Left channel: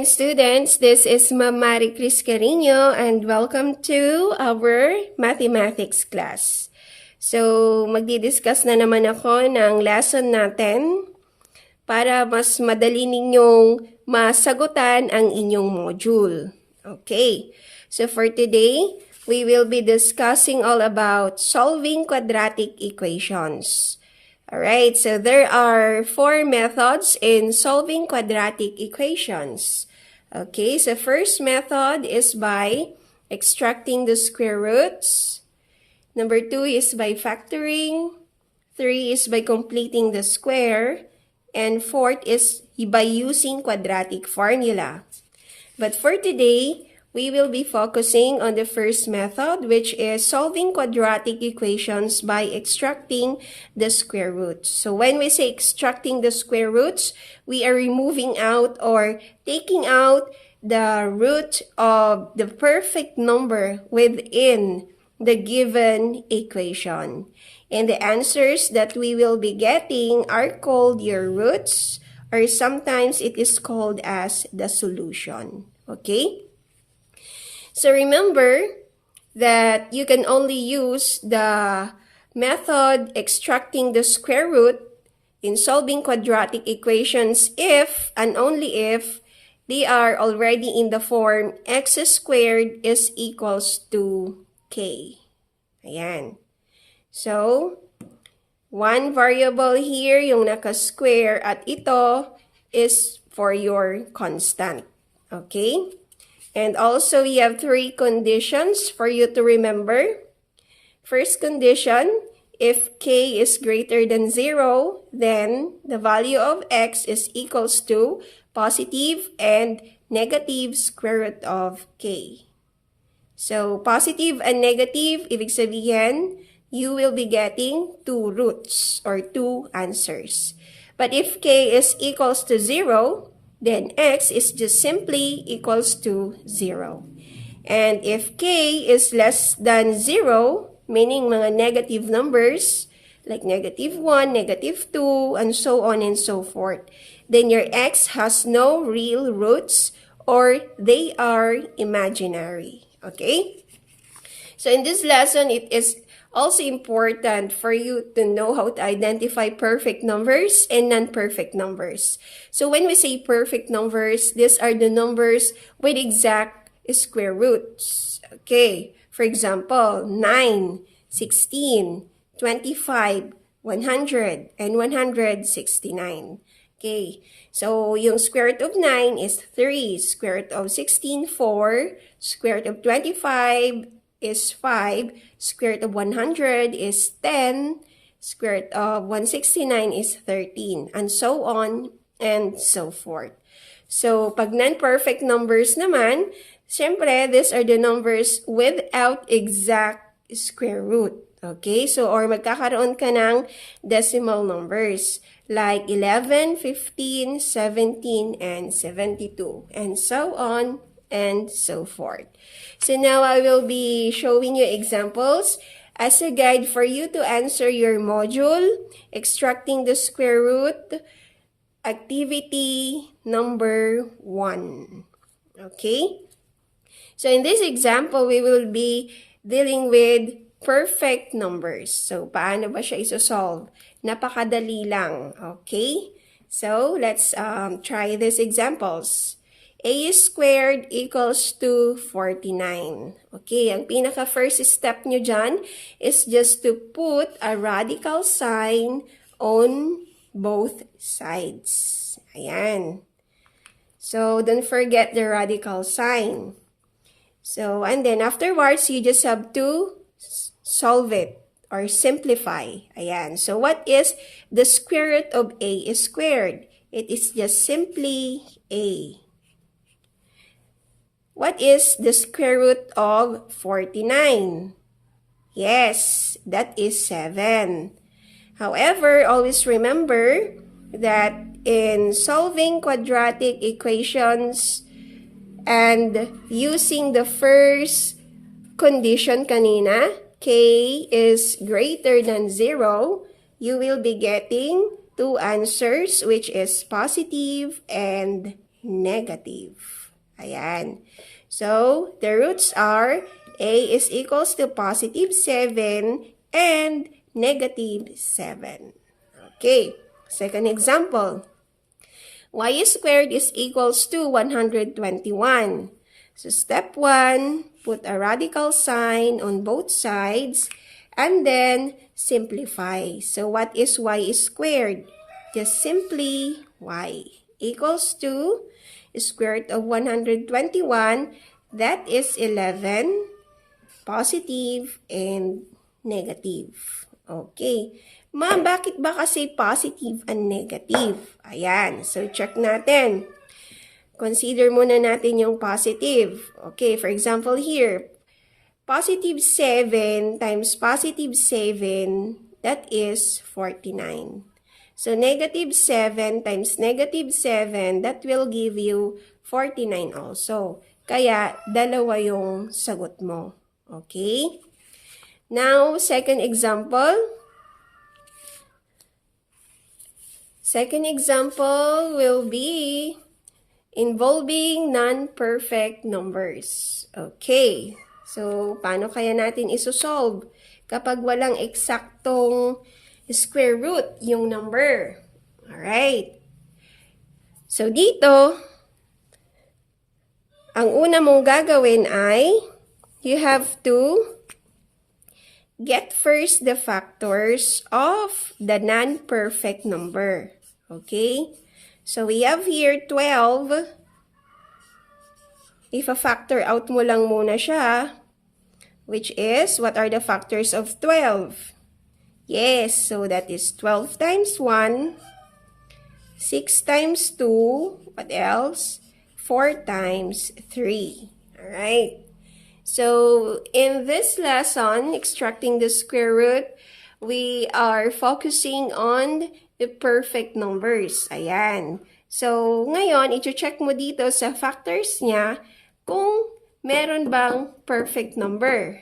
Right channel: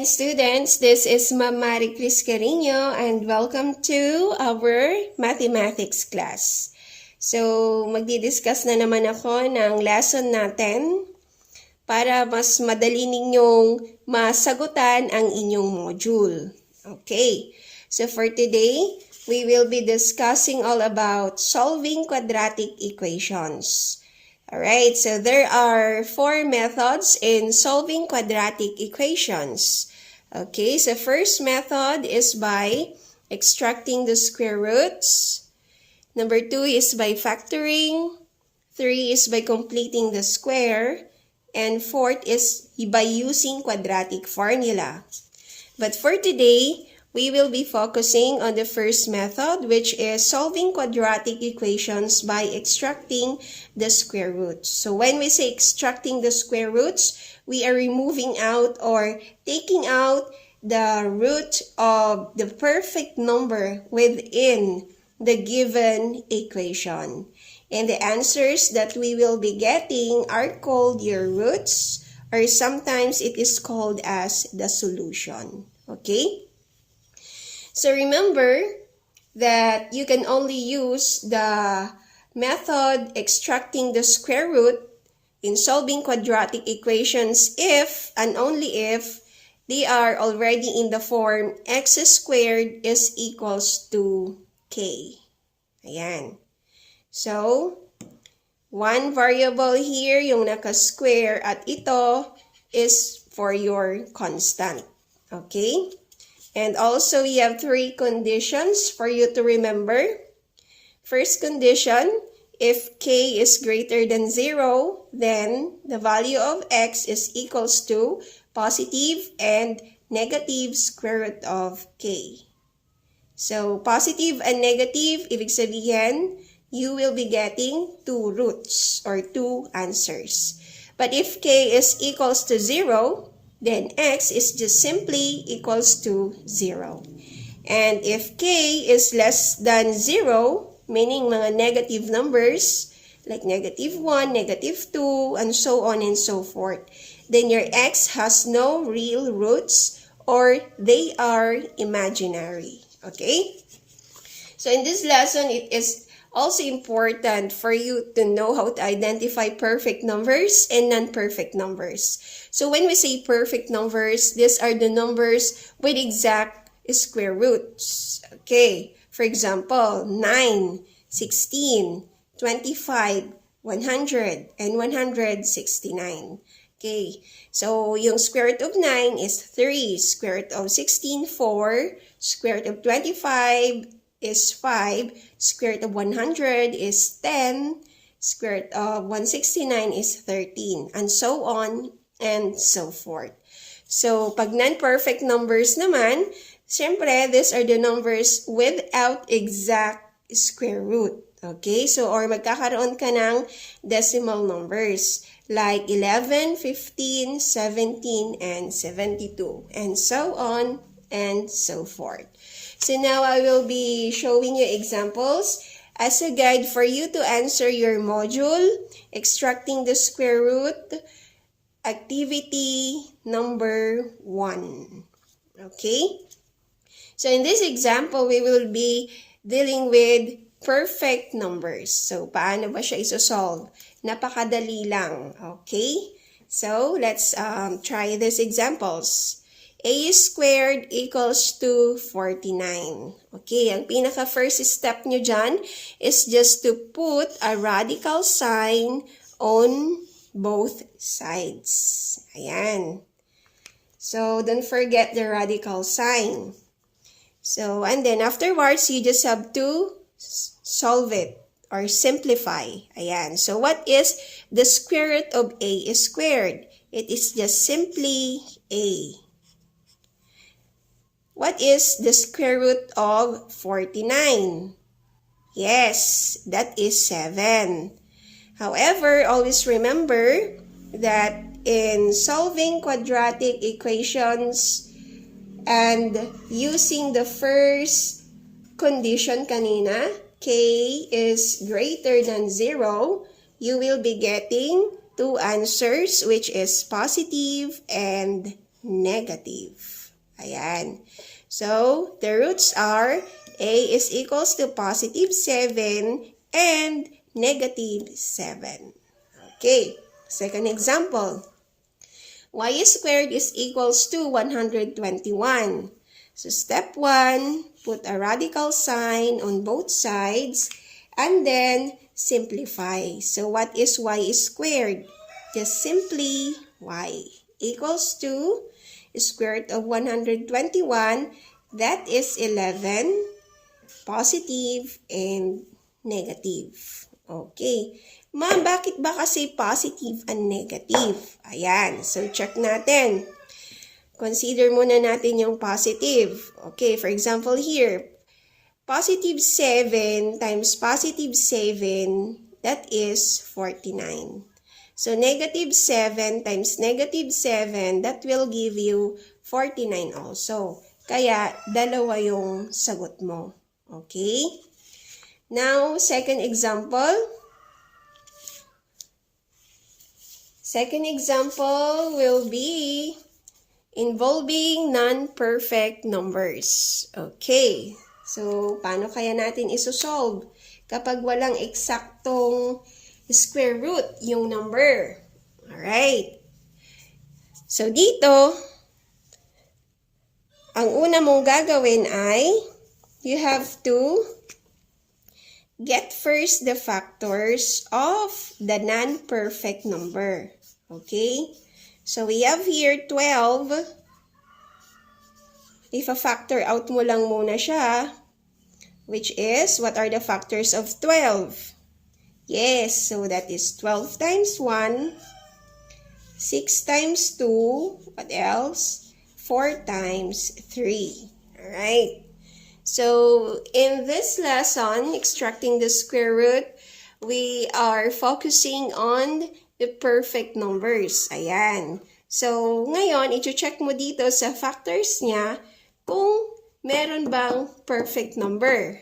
morning, students. This is Ma'am Mari Cris Carino and welcome to our mathematics class. So, magdi-discuss na naman ako ng lesson natin para mas madali ninyong masagutan ang inyong module. Okay, so for today, we will be discussing all about solving quadratic equations. Alright, so there are 4 methods in solving quadratic equations. Okay, so first method is by extracting the square roots. Number 2 is by factoring. 3 is by completing the square. And 4th is by using quadratic formula. But for today, we will be focusing on the first method, which is solving quadratic equations by extracting the square roots. So when we say extracting the square roots, we are removing out or taking out the root of the perfect number within the given equation. And the answers that we will be getting are called your roots, or sometimes it is called as the solution. Okay? So remember that you can only use the method extracting the square root in solving quadratic equations if and only if they are already in the form x squared is equals to k. Ayan. So, one variable here, yung naka-square, at ito is for your constant. Okay? And also, we have 3 conditions for you to remember. First condition, if k is greater than 0, then the value of x is equals to positive and negative square root of k. So, positive and negative, ibig sabihin, you will be getting 2 roots or 2 answers. But if k is equals to 0, then x is just simply equals to 0. And if k is less than 0, meaning mga negative numbers, like negative 1, negative 2, and so on and so forth, then your x has no real roots or they are imaginary. Okay? So in this lesson, it is also important for you to know how to identify perfect numbers and non-perfect numbers. So when we say perfect numbers, these are the numbers with exact square roots. Okay, for example, 9, 16, 25, 100, and 169. Okay, so yung square root of 9 is 3, square root of 16, 4, square root of 25 is 5, square root of 100 is 10, square root of 169 is 13, and so on and so forth. So, pag non-perfect numbers naman, syempre, these are the numbers without exact square root. Okay? So, or magkakaroon ka ng decimal numbers like 11, 15, 17, and 72, and so on and so forth. So, now I will be showing you examples as a guide for you to answer your module, extracting the square root, activity number 1. Okay? So in this example, we will be dealing with perfect numbers. So paano ba siya isosolve? Napakadali lang. Okay? So let's try these examples. A squared equals to 49. Okay, ang pinaka first step nyo dyan is just to put a radical sign on both sides. Ayan. So, don't forget the radical sign. So, and then afterwards, you just have to solve it or simplify. Ayan. So, what is the square root of a squared? It is just simply a. What is the square root of 49? Yes, that is 7. However, always remember that in solving quadratic equations and using the first condition kanina, k is greater than 0, you will be getting 2 answers, which is positive and negative. Ayan. So, the roots are a is equals to positive 7 and negative 7. Okay, second example. Y squared is equals to 121. So step 1, put a radical sign on both sides and then simplify. So what is y squared? Just simply y equals to square root of 121. That is 11, positive, and negative. Okay. Ma'am, bakit ba kasi positive and negative? Ayan. So, check natin. Consider muna natin yung positive. Okay, for example here, positive 7 times positive 7, that is 49. So, negative 7 times negative 7, that will give you 49 also. Kaya, dalawa yung sagot mo. Okay? Now, second example. Second example will be involving non-perfect numbers. Okay. So, paano kaya natin isosolve kapag walang eksaktong square root yung number? Alright. So, dito, ang una mong gagawin ay you have to get first the factors of the non-perfect number. Okay? So, we have here 12. If a factor out mo lang muna siya, which is, what are the factors of 12? Yes, so that is 12 times 1, 6 times 2, what else? 4 times 3. Alright? So, in this lesson, extracting the square root, we are focusing on the perfect numbers. Ayan. So, ngayon, i-check mo dito sa factors niya kung meron bang perfect number.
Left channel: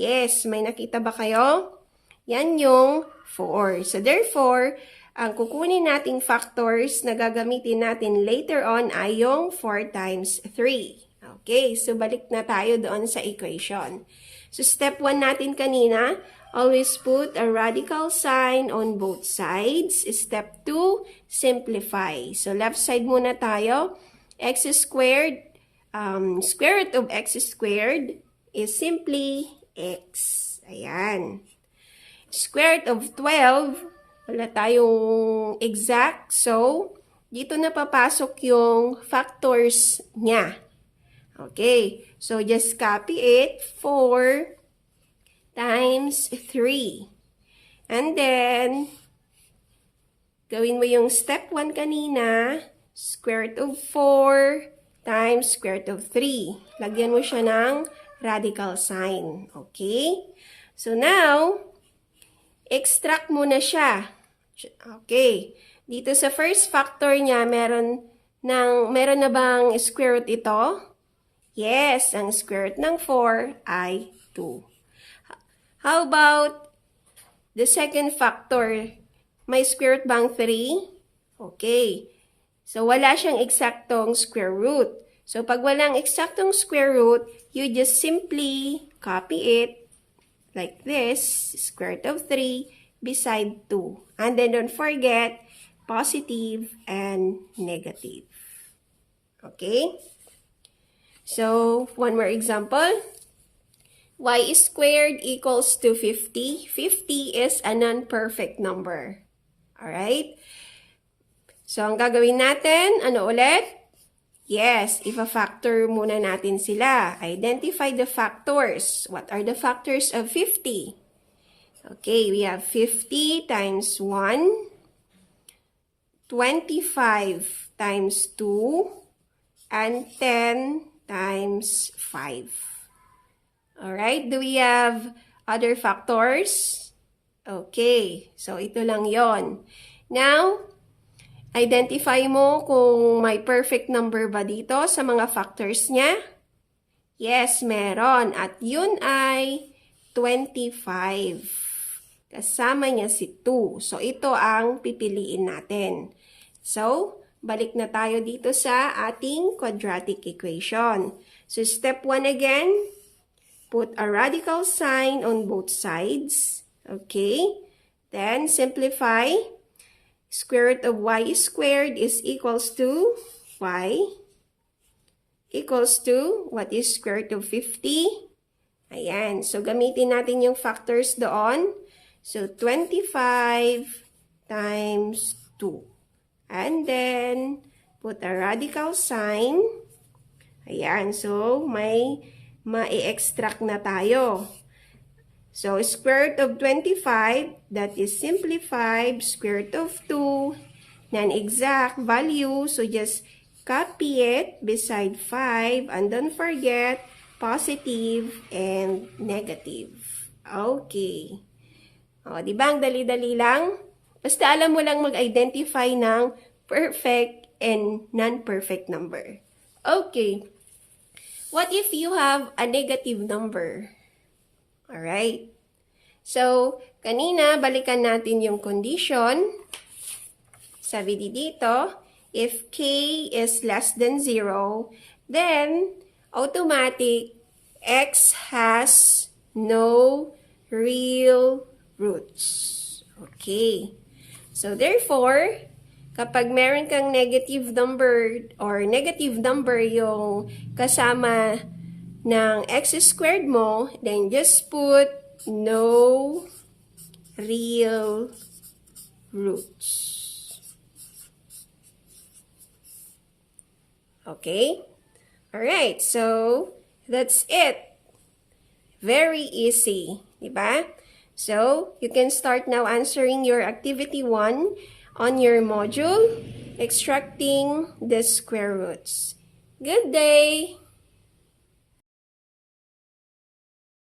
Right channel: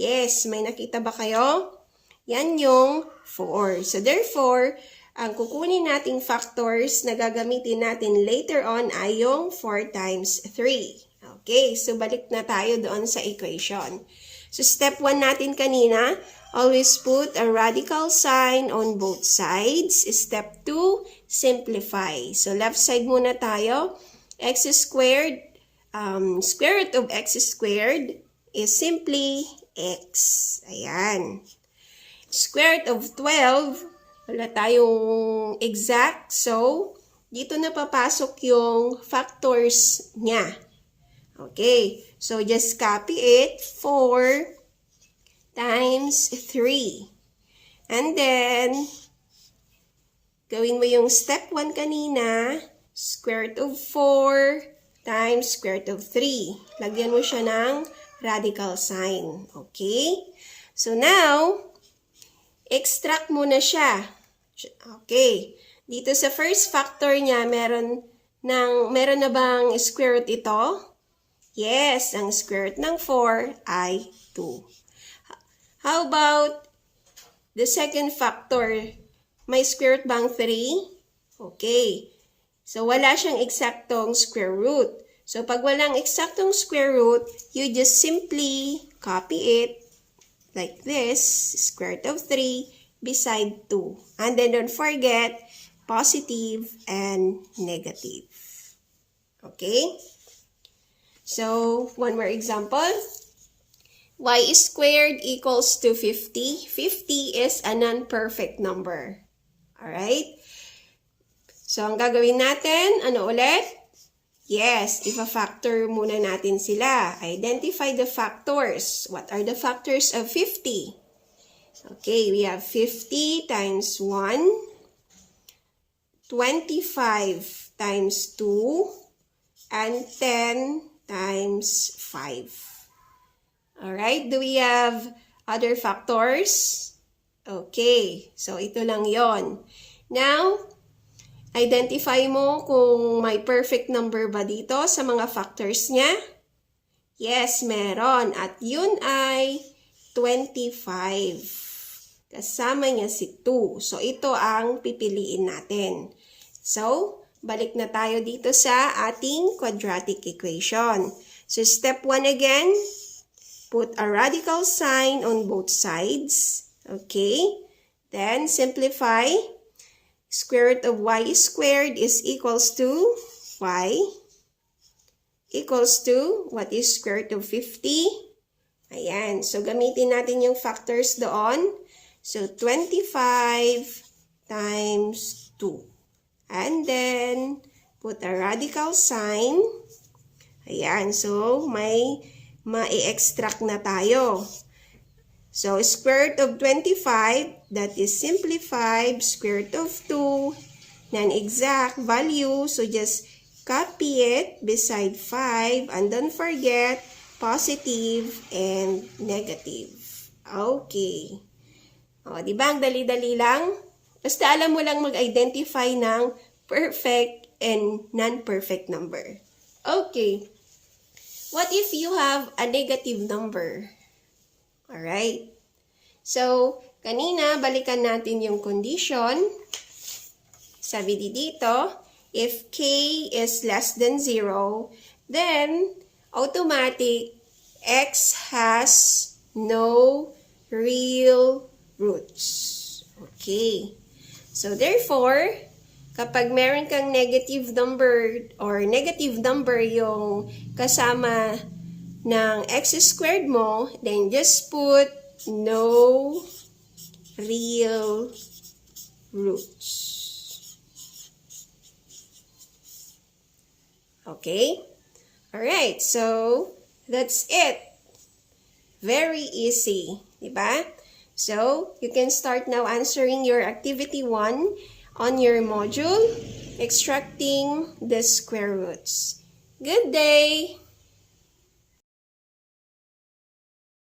Yes, may nakita ba kayo? Yan yung 4. So, therefore, ang kukunin nating factors na gagamitin natin later on ay yung 4 times 3. Okay, so balik na tayo doon sa equation. So, step 1 natin kanina, always put a radical sign on both sides. Step 2, simplify. So, left side muna tayo. X squared, square root of x squared is simply x. Ayan. Square root of 12, wala tayong exact. So, dito na papasok yung factors niya. Okay, so just copy it, 4 times 3. And then, gawin mo yung step 1 kanina, square root of 4 times square root of 3. Lagyan mo siya ng radical sign. Okay? So now, extract mo na siya. Okay. Dito sa first factor niya, meron na bang square root ito? Yes, ang square root ng 4 ay 2. How about the second factor? May square root bang 3? Okay. So, wala siyang eksaktong square root. So, pag walang eksaktong square root, you just simply copy it like this, square root of 3 beside 2. And then, don't forget, positive and negative. Okay? So, one more example. Y squared equals to 50. 50 is a non-perfect number. Alright? So, ang gagawin natin, ano ulit? Yes, ifa-factor muna natin sila. Identify the factors. What are the factors of 50? Okay, we have 50 times 1, 25 times 2, and 10 times 5. Alright, do we have other factors? Okay, so ito lang yon. Now, identify mo kung may perfect number ba dito sa mga factors niya. Yes, meron. At yun ay 25. Kasama niya si 2. So, ito ang pipiliin natin. So, balik na tayo dito sa ating quadratic equation. So, step 1 again, put a radical sign on both sides. Okay? Then, simplify. Square root of y squared is equals to y equals to, what is square root of 50? Ayan. So, gamitin natin yung factors doon. So, 25 times 2. And then, put a radical sign. Ayan. So, may ma-extract na tayo. So, square root of 25, that is simplified, square root of 2, non-exact value. So, just copy it beside 5 and don't forget positive and negative. Okay. O, diba? Ang dali-dali lang. Basta alam mo lang mag-identify ng perfect and non-perfect number. Okay. What if you have a negative number? Alright. So, kanina, balikan natin yung condition. Sabi dito, if k is less than 0, then automatic x has no real roots. Okay. So, therefore, kapag meron kang negative number or negative number yung kasama ng x squared mo, then just put no real roots. Okay? Alright, so that's it. Very easy, diba? So, you can start now answering your activity 1 on your module, extracting the square roots. Good day!